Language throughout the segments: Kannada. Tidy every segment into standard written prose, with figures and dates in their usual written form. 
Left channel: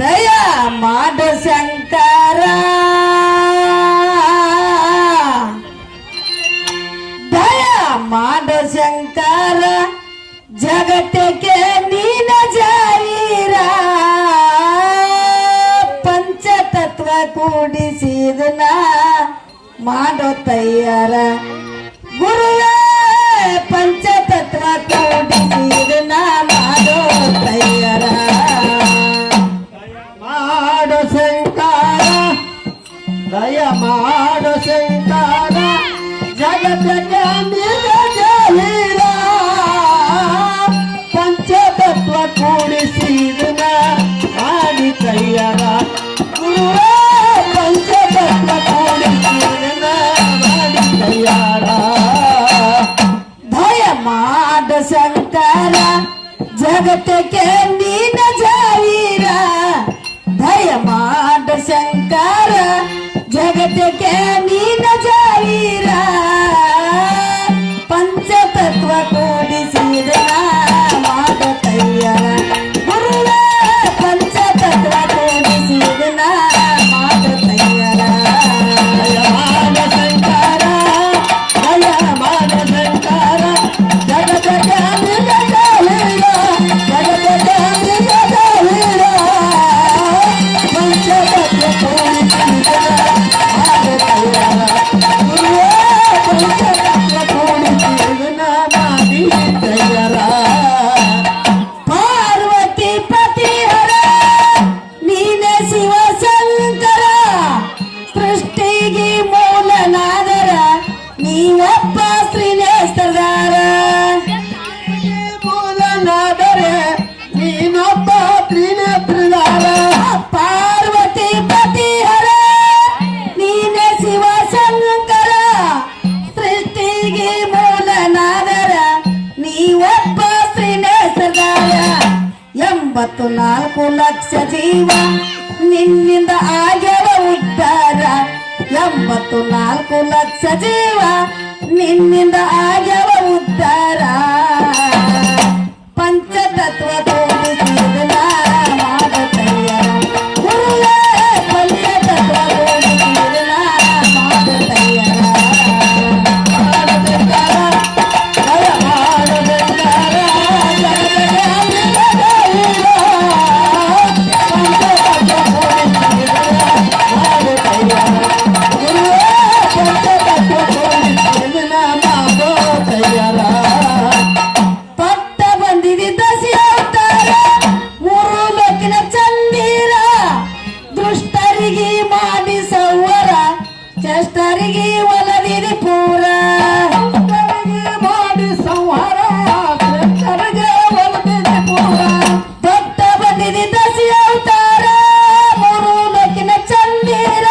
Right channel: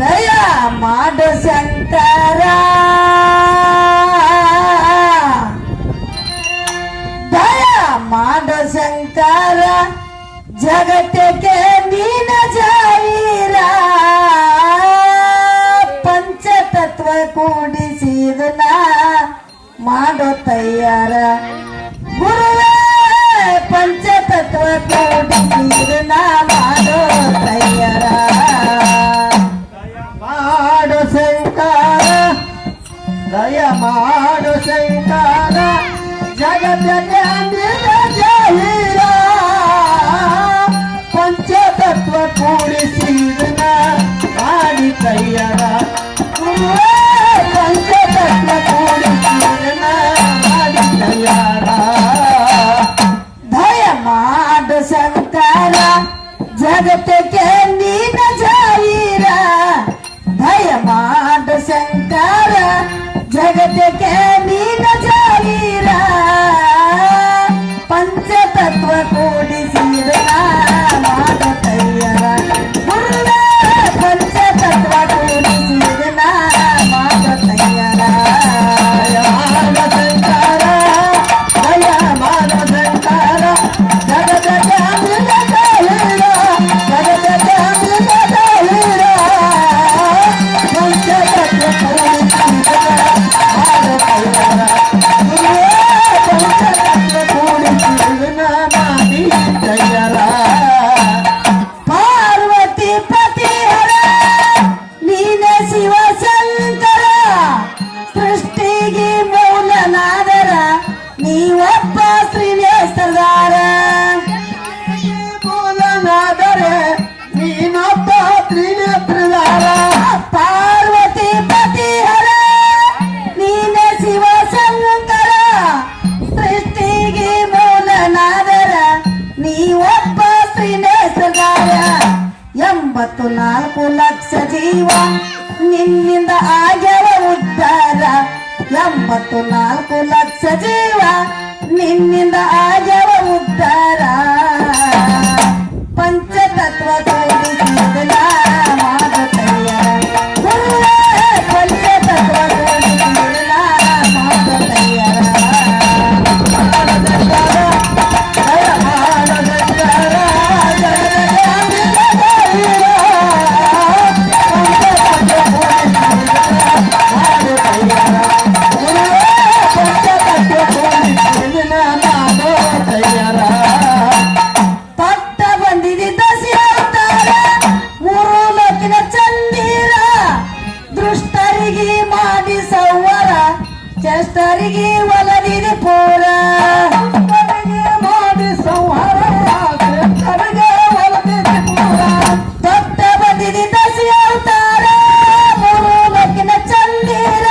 ದಯಾ ಮಾಡು ಶಂಕರ, ದಯಾ ಮಾಡು ಶಂಕರ, ಜಗತ್ತಕ್ಕೆ ನೀನ ಜಾವೀರ. ಪಂಚತತ್ವ ಕೂಡಿಸಿದನ ಮಾಡೋ ತಯ್ಯಾರ. ಗುರುವೇ ಪಂಚತತ್ವ ಕೂಡಿಸಿದನ ಮಾಡೋ ತಯ್ಯಾರ. ಮಾಡೋ ಶಂಕರ, ದಯ ಮಾಡೋ ಶಂಕರ, ಜಗತ್ತಕ್ಕೆ ನೀನ ಜಾವೀರ. ಪಂಚತತ್ವ ಕೂಡಿಸಿದನ ಮಾಡಿ ಕೈಯರ. ಗುರುವೇ ಪಂಚತತ್ವ ಕೂಡಿಸಿದನ ಮಾಡಿ ಕೈಯರ. ದಯ ಮಾಡು ಶಂಕರ, ಜಗತ್ತಕ್ಕೆ ನೀನ ಜಾವೀರ. ದಯ ಮಾಡು ಶಂಕರ, ಜಗತ್ತಕ್ಕೆ ನೀನ ಜಾವೀರ. ಪಂಚತತ್ವ ಕೂಡಿಸಿದನ ಮಾಡೋ ತಯ್ಯರ. ಗುರುವೇ ಪಂಚತತ್ವ ಕೂಡಿಸಿದನ ಮಾಡೋ ತಯ್ಯರ. ಮಾಡೋ ಶಂಕರ, ದಯ ಮಾಡೋ ಶಂಕರ, ಜಗತ್ತಕ್ಕೆ ನೀನ ಜಾವೀರ. ಜಗತ್ತಕ್ಕೆ ನೀನ ಜಾವೀರ. ಪಂಚತತ್ವ ಕೂಡಿಸಿದನ ಮಾಡೋ ಕೈಯರ. ಗುರುವೇ ಪಂಚತತ್ವ ಕೂಡಿಸಿದನ ಮಾಡಿ ಕೈಯರ. ಪಾರ್ವತಿ ಪತಿಹರ, ನೀನೆ ಶಿವ ಶಂಕರ. ಸೃಷ್ಟಿಗೆ ಮೂಲನಾದರ, ನೀವೊಬ್ಬ ಶ್ರೀನೇಶ್ವರದಾರ. ಮೂಲನಾದರೆ ನೀನೊಬ್ಬ ತ್ರಿನೇತ್ರದಾರ. ಪಾರ್ವತಿ ಪತಿಹರ, ನೀನೆ ಶಿವ ಶಂಕರ. ಸೃಷ್ಟಿಗೆ ಮೂಲನಾದರ, ನೀವೊಬ್ಬ ಶ್ರೀನೇಶ್ವರದಾರ. 84 ಲಕ್ಷ ಜೀವ ನಿನ್ನಿಂದ ಆಗ್ಯವ ಉದ್ಧಾರ. 84 ಲಕ್ಷ ಜೀವ ನಿನ್ನಿಂದ ಆಗ್ಯವ ಉದ್ಧಾರ. ಪಂಚತತ್ವ ಕೂಡಿಸಿದನ ಮಾಡೋ ತಯ್ಯರ. ಗುರುವೇ ಪಂಚತತ್ವ ಕೂಡಿಸಿದನ ಮಾಡೋ ತಯ್ಯರ. ದಯ ಮಾಡೋ ಶಂಕರ, ಜಗತ್ತಕ್ಕೆ ನೀನ ಜಾವೀರ. ಪಂಚತತ್ವ ಕೂಡಿಸಿದನ ಮಾಡಿ ಕೈಯರ. ಗುರುವೇ ಪಂಚತತ್ವ ಕೂಡಿಸಿದನ ಮಾಡೋ ಕೈಯರ. ಪಟ್ಟ ಬಂದಿದೆ ದಸಿ ಅವತಾರ, 3 ಲೋಕಿನ ಚಂದೀರ. ದೃಷ್ಟರಿಗೆ ಮಾಡಿ ಸೌವರ, ಚಷ್ಟರಿಗೆ ಒಲದಿದೆ ಪೂರ. ಮಾಡಿ ಸಂಹಾರ, ಶ್ರೇಷ್ಠರಿಗೆ ಒಲಿದಿದೆ ಪೂರ. ಪಟ್ಟ ಬಂದಿದೆ ದಸಿ ಅವತಾರ, 3 ಲೋಕಿನ ಚಂದೀರ.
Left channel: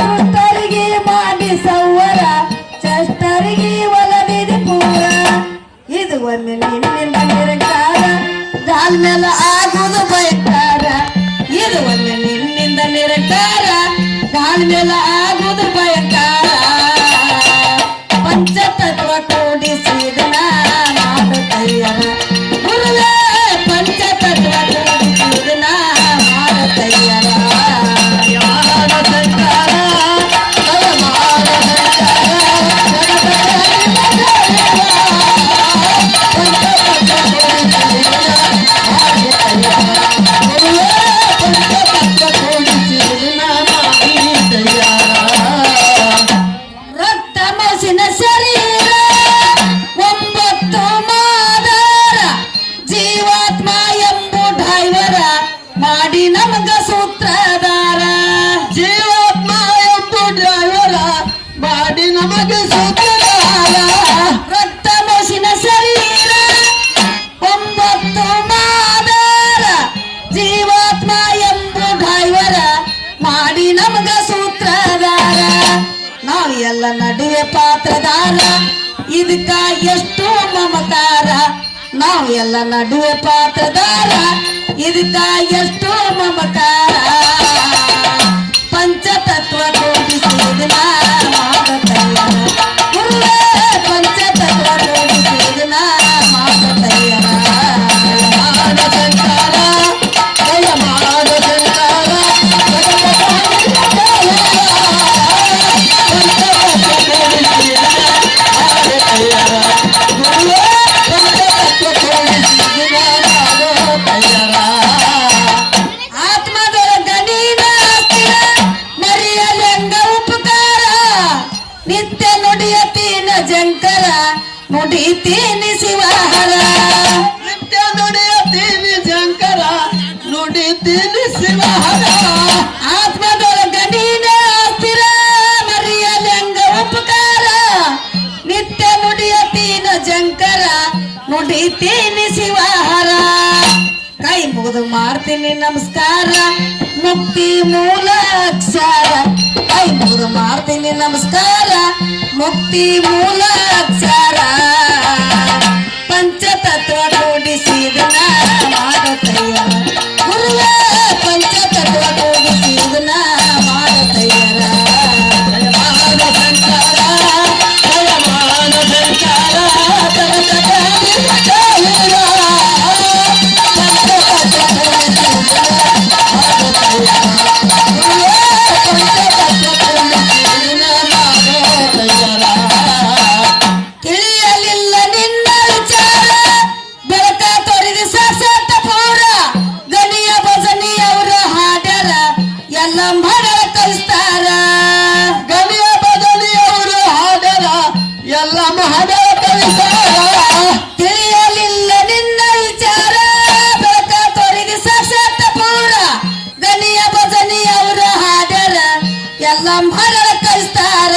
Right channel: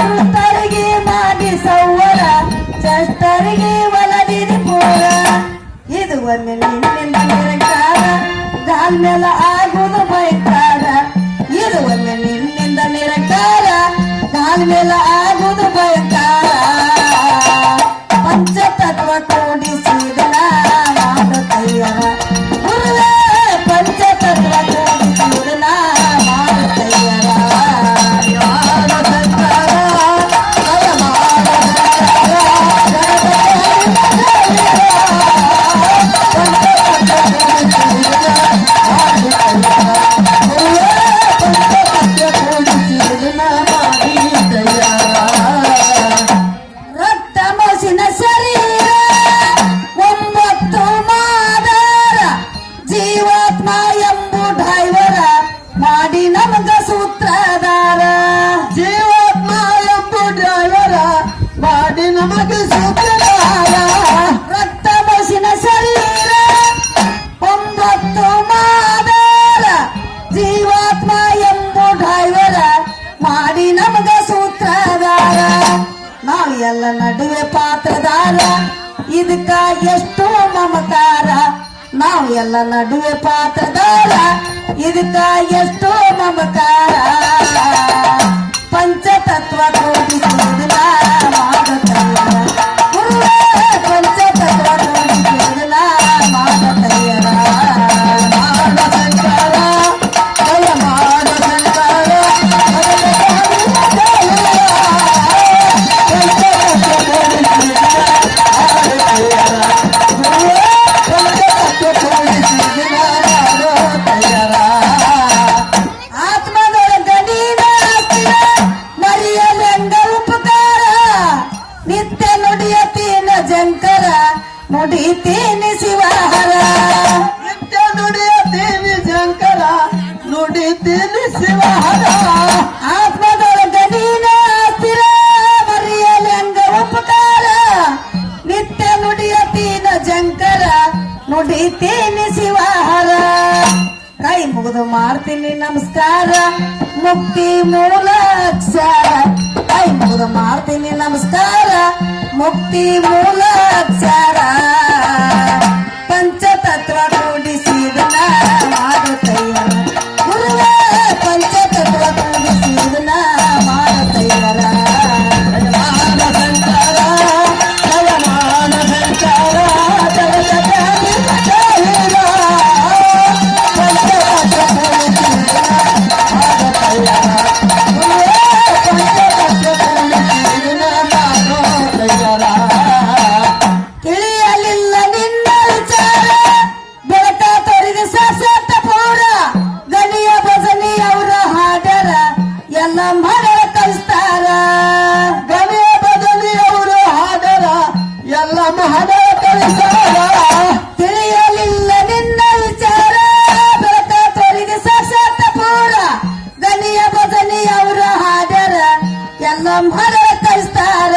ದೃಷ್ಟರಿಗೆ ಮಾಡಿ ಸೌವರ, ಚಷ್ಟರಿಗೆ ಒಲದಿದೆ ಪೂರ. ಇದು ಒಮ್ಮೆ ನಿನ್ನಿಂದ ನಿರಂಕಾರ, ದಾಲ್ ಮೇಲೆ ಆಗುವುದು ಭಯಂಕರ. ಇದು ಒಮ್ಮೆ ನಿನ್ನಿಂದ ನಿರಂಕಾರ, ದಾಲ್ ಮೇಲೆ ಆಗುವುದು ಭಯಂಕರ. ಪಂಚತತ್ವ ಕೂಡಿಸಿದನ ಮಾಡೋ ತಯ್ಯರ. ಗುರುವೇ ಪಂಚತತ್ವ ಕೂಡಿಸಿದನ ಮಾಡೋ ತಯ್ಯರ. ಮಾಡೋ ಶಂಕರ, ದಯ ಮಾಡೋ ಶಂಕರ, ಜಗತ್ತಕ್ಕೆ ನೀನ ಜಾವೀರ. ಪಂಚತತ್ವ ಕೂಡಿಸಿದನ ಮಾಡಿ ಕೈಯರ. ಗುರುವೇ ಪಂಚತತ್ವ ಕೂಡಿಸಿದನ ಮಾಡಿ ಕೈಯರ. ರಕ್ತ ಮಸಿನ ಶರೀರ 9 ಮಾದಾರ, ಜೀವಾತ್ಮ ಎಂಬು ಡ್ರೈವರ ಮಾಡಿ ನಮಗ ಸೂತ್ರಧಾರ. ಜೀವಾತ್ಮ ಎಂಬು ಡ್ರೈವರ ಮಾಡಿ ನಮಗೆ ಸೂತ್ರಧಾರ. ರಕ್ತ ಮಸಿನ ಶರೀರ 9 ಮಾದಾರ, ಜೀವಾತ್ಮ ಎಂಬು ಡ್ರೈವರ ಮಾಡಿ ನಮಗ ಸೂತ್ರಧಾರ. ನಾವು ಎಲ್ಲ ನಡುವೆ ಪಾತ್ರದಾರ, ಇದಕ್ಕ ಎಷ್ಟು ಮಮಕಾರ. ನಾವು ಎಲ್ಲ ನಡುವೆ ಪಾತ್ರದಾರ, ಇದಕ್ಕ ಎಷ್ಟು ಮಮಕಾರ. ಪಂಚತತ್ವ ಕೂಡಿಸಿದನ ಮಾಡೋ ತಯ್ಯರ. ಗುರುವೇ ಪಂಚತತ್ವ ಕೂಡಿಸಿದನ ಮಾಡೋ ತಯ್ಯರ. ನುಡಿತೀನಿ ಶಿವಹರ ನಿತ್ಯ ನುಡಿಯತೀನಿ ಶಂಕರ ನುಡಿತೀನಿ ಶಿವಹರ ಆತ್ಮದೊಳಗ ನೀನೇ ಆಸ್ತಿರ ಮರಿಯಲಿ ಹಂಗ ಉಪಕಾರ ನಿತ್ಯ ನುಡಿಯತೀನ ಶಂಕರ ನುಡಿತೀನಿ ಶಿವಹರ ಕೈ ಮುಗಿದು ಮಾಡ್ತೀನಿ ನಮಸ್ಕಾರ ಮುಕ್ತಿ ಮೂಲ ಅಕ್ಷರ ಕೈ ಮುಗಿದು ಮಾಡ್ತೀನಿ ನಮಸ್ಕಾರ ಮುಕ್ತಿ ಮೂಲ ಅಕ್ಷರ ಪಂಚತತ್ವ ಕೂಡಿಸಿದನ ಮಾಡುತ್ತಯ್ಯ ಗುರುವ ಪಂಚತತ್ವ ಕೂಡಿಸಿದನ ಮಾಡುತ್ತಯ್ಯರ ಮಾನ ಶಂಕರ ಜಯಮಾನ ಶಂಕರ ಜಗಜಗಲಿ ಜಯರ ಪಂಚತತ್ವ ಕೂಡಿಸಿದನ ಮಾಡುತ್ತಯ್ಯರ ತಿಳಿಯಲಿಲ್ಲ ನಿನ್ನ ವಿಚಾರ ಬೆಳಕ ತೊರೆದು ಸಸತ ಪೂರ ಗಣಿಯ ಭಜನಿ ಅವರ ಹಾಡ್ಯಾರ ಎಲ್ಲ ಮಾಡರ ಕಲಿಸ್ತಾರ ಗಣಿಯ ಬದಲಿಯವರು ಹಾಡರ ಎಲ್ಲ ಮಹಡ ಕಲಿಸಾರ ತಿಳಿಯಲಿಲ್ಲ ನಿನ್ನ ವಿಚಾರ ಬೆಳಕ ತೊರೆದು ಸಸತ ಪೂರ ಗಣಿಯ ಭಜನಿ ಅವರ ಹಾಡ್ಯಾರ ಎಲ್ಲ ಮಾಡರ ಕಲಿಸ್ತಾರ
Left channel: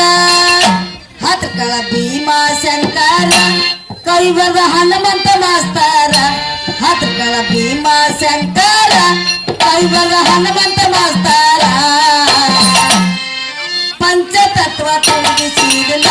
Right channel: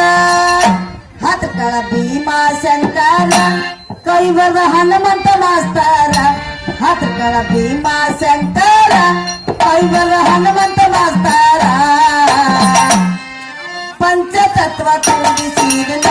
ಹತ್ಕಳ ಭೀಮಾ ಶಂಕರ ಕೈವರ್ಗ ಹನುಮಂತ ಮಾಸ್ತಾರ ಹತ್ಕಳ ಭೀಮಾ ಶಂಕರ ಕೈವರ್ಗ ಹನುಮಂತ ಮಾಸ್ತಾರ ಪಂಚತತ್ವ ಕೂಡಿಸಿದನ